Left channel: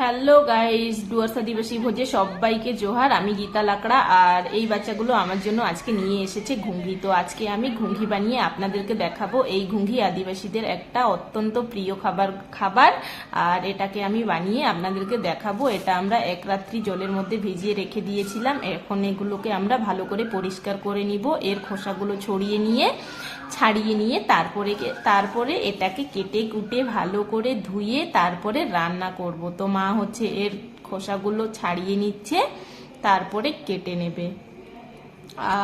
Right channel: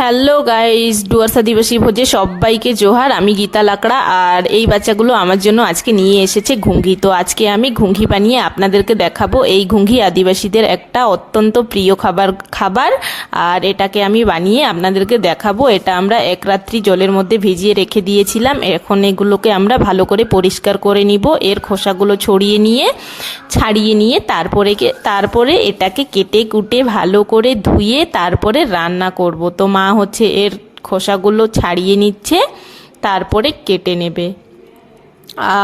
Hello guys, Dooars আদিবাসী ভোজে সবাইকে জোহার। আমি গীতা লাকড়া, আর এই বাচ্চাগুলো আমার জন্য আজকে নিয়ে এসেছে ঘুঙ্গি। তো আজকে আমি ঘুঙ্গি বানিয়ে আপনাদেরকে দেখাবো। এই ঘুঙ্গি আদিবাসীদের একটা অত্যন্ত প্রিয় খাবার, আর এটাকে আমি বানিয়ে আপনাদেরকে দেখাবো। এটা আমরা এক রাত্রি জলের মধ্যে ভিজিয়ে রেখে দিয়েছিলাম। এখন এগুলোকে আমরা ভালো করে পরিষ্কার করে নিব, এর খোসাগুলো ছাড়িয়ে নিয়ে তারপরে এটাকে কেটে কুটে ভালো করে ধুয়ে তারপরে রান্না করব। তো মা হচ্ছে এর খোসাগুলো ছাড়িয়ে নিচ্ছে, তারপরে কেটে নেবে।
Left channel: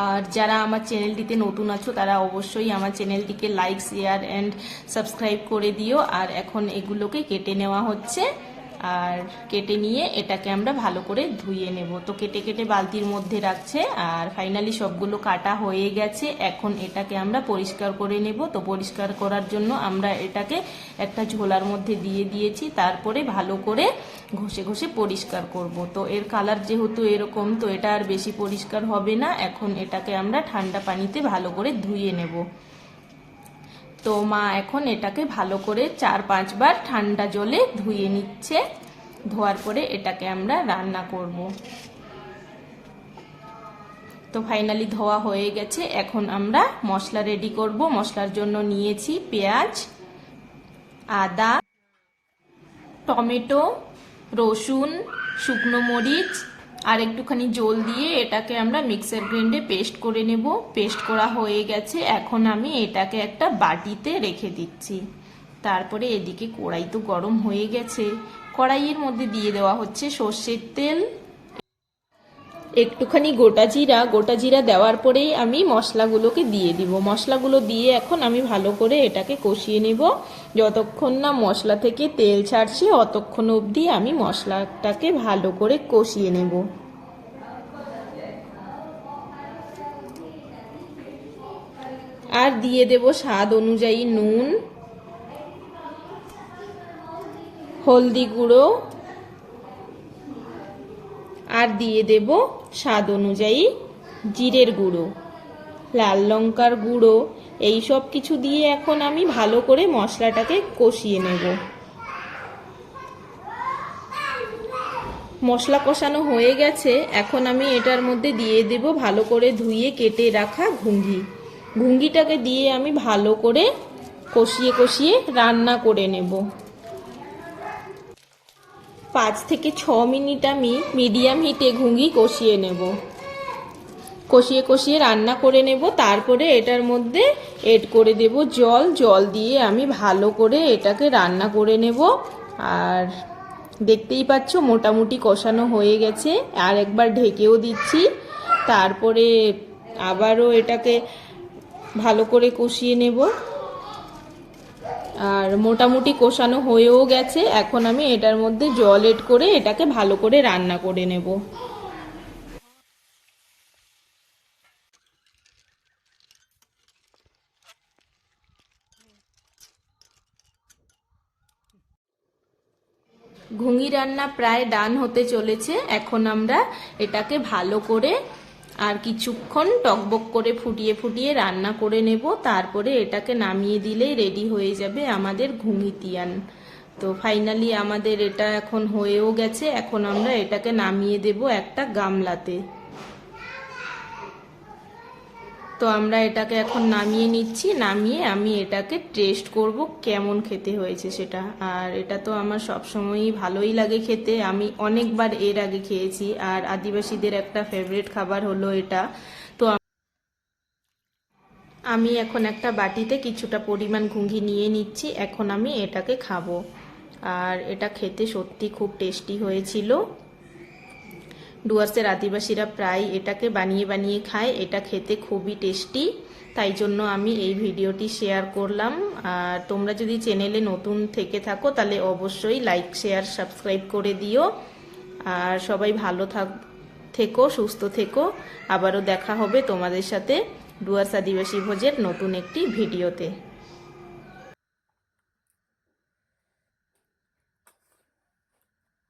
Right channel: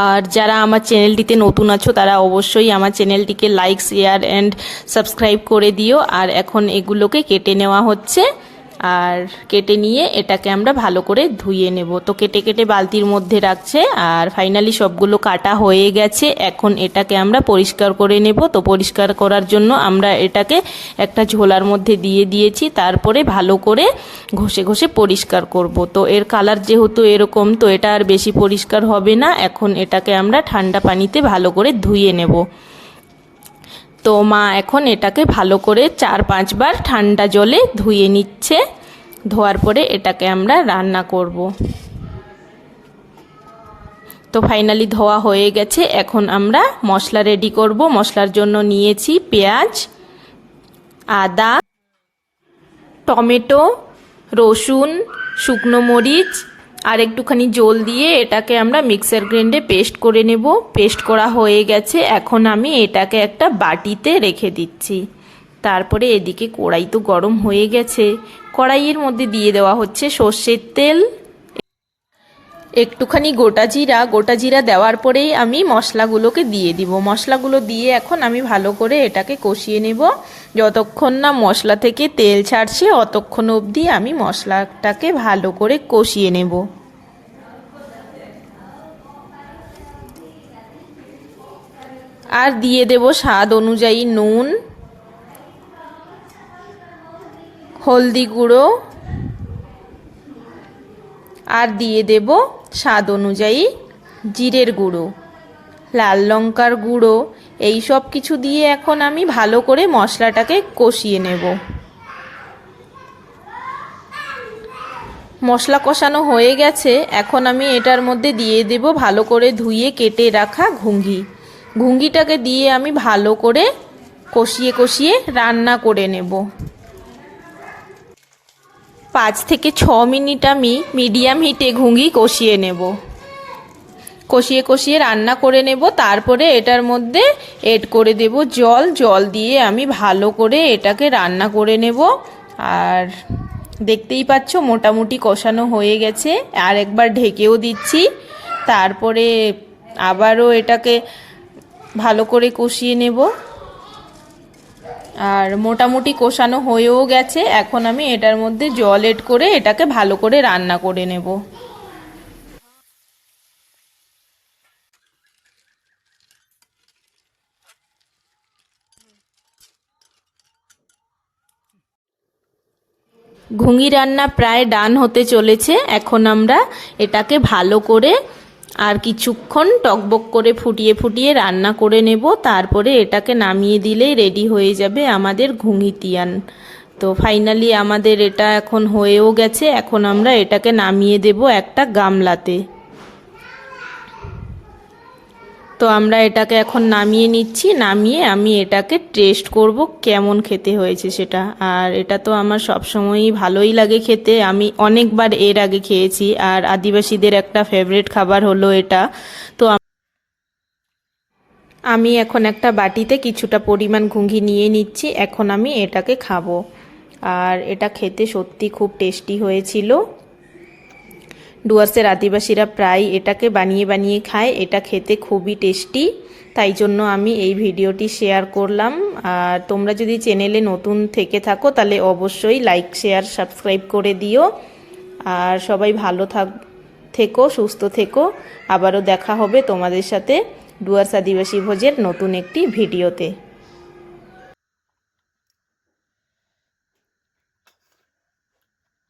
আর যারা আমার চ্যানেলটিতে নতুন আছো তারা অবশ্যই আমার চ্যানেলটিকে লাইক, শেয়ার অ্যান্ড সাবস্ক্রাইব করে দিও। আর এখন এগুলোকে কেটে নেওয়া হচ্ছে, আর কেটে নিয়ে এটাকে আমরা ভালো করে ধুয়ে নেব। তো কেটে কেটে বালতির মধ্যে রাখছে, আর ফাইনালি সবগুলো কাটা হয়ে গেছে। এখন এটাকে আমরা পরিষ্কার করে নেব। তো পরিষ্কার করার জন্য আমরা এটাকে একটা ঝোলার মধ্যে দিয়ে দিয়েছি, তারপরে ভালো করে ঘষে ঘষে পরিষ্কার করব। তো এর কালার যেহেতু এরকম, তো এটা আর বেশি পরিষ্কার হবে না। এখন এটাকে আমরা ঠান্ডা পানিতে ভালো করে ধুয়ে নেব। তো মা এখন এটাকে ভালো করে 4-5 বার ঠান্ডা জলে ধুয়ে নিচ্ছে। ধোয়ার পরে এটাকে আমরা রান্না করব। তো ফাইনালি ধোয়া হয়ে গেছে। এখন আমরা মশলা রেডি করব। মশলার জন্য নিয়েছি পেঁয়াজ, আদা, টমেটো, রসুন, শুকনো মরিচ আর একটুখানি জল দিয়ে এটাকে আমরা মিক্সার গ্রাইন্ডে পেস্ট করে নেব। পেস্ট করা হয়ে গেছে। এখন আমি এটাকে একটা বাটিতে রেখে দিচ্ছি। তারপরে এদিকে কড়াই তো গরম হয়ে গেছে। কড়াইয়ের মধ্যে দিয়ে দেওয়া হচ্ছে সর্ষের তেল, একটুখানি গোটা জিরা দেওয়ার পরেই আমি মশলাগুলোকে দিয়ে দিব। মশলাগুলো দিয়ে এখন আমি ভালো করে এটাকে কষিয়ে নেব। যতক্ষণ না মশলা থেকে তেল ছাড়ছে অতক্ষণ অবধি আমি মশলাটাকে ভালো করে কষিয়ে নেব। আর দিয়ে দেব স্বাদ অনুযায়ী নুন, হলদি গুঁড়ো, আর দিয়ে দেব স্বাদ অনুযায়ী জিরের গুঁড়ো, লাল লঙ্কার গুঁড়ো। এই সব কিছু দিয়ে এখন আমি ভালো করে মশলাটাকে কষিয়ে নেব। মশলা কষানো হয়ে গেছে। এখন আমি এটার মধ্যে দিয়ে দেব ভালো করে ধুয়ে কেটে রাখা ঘুঙ্গিটাকে দিয়ে আমি ভালো করে কষিয়ে কষিয়ে রান্না করে নেব। 5 থেকে 6 মিনিট আমি মিডিয়াম হিটে ঘুঙ্গি কষিয়ে নেব। কষিয়ে কষিয়ে রান্না করে নেব। তারপরে এটার মধ্যে এড করে দেব জল দিয়ে আমি ভালো করে এটাকে রান্না করে নেব। আর দেখতেই পাচ্ছ মোটামুটি কষানো হয়ে গেছে। আর একবার ঢেকেও দিচ্ছি, তারপরে আবারও এটাকে ভালো করে কষিয়ে নেব। আর মোটামুটি কষানো হয়েও গেছে। এখন আমি এটার মধ্যে জল এড করে এটাকে ভালো করে রান্না করে নেব। ঘুঙ্গি রান্না প্রায় ডান হতে চলেছে। এখন আমরা এটাকে ভালো করে আর কিছুক্ষণ টকবক করে ফুটিয়ে ফুটিয়ে রান্না করে নেব। তারপরে এটাকে নামিয়ে দিলেই রেডি হয়ে যাবে আমাদের ঘুঙ্গি তিয়ান। তো ফাইনালি আমাদের এটা এখন হয়েও গেছে। এখন আমরা এটাকে নামিয়ে দেব একটা গামলাতে। তো আমরা এটাকে এখন নামিয়ে নিচ্ছি। নামিয়ে আমি এটাকে টেস্ট করব কেমন খেতে হয়েছে সেটা। আর এটা তো আমার সবসময়ই ভালোই লাগে খেতে। আমি অনেকবার এর আগে খেয়েছি। আর আদিবাসীদের একটা ফেভারিট খাবার হলো এটা। তো আমি এখন একটা বাটিতে কিছুটা পরিমাণ ঘুঙ্গি নিয়ে নিচ্ছি। এখন আমি এটাকে খাবো। আর এটা খেতে সত্যি খুব টেস্টি হয়েছিল। ডুয়ার্সের আদিবাসীরা প্রায় এটাকে বানিয়ে বানিয়ে খায়। এটা খেতে খুবই টেস্টি, তাই জন্য আমি এই ভিডিওটি শেয়ার করলাম। আর তোমরা যদি চ্যানেলে নতুন থেকে থাকো তাহলে অবশ্যই লাইক, শেয়ার, সাবস্ক্রাইব করে দিও। আর সবাই ভালো থেকো, সুস্থ থেকো। আবারও দেখা হবে তোমাদের সাথে ডুয়ার্স আদিবাসী ভোজের নতুন একটি ভিডিওতে।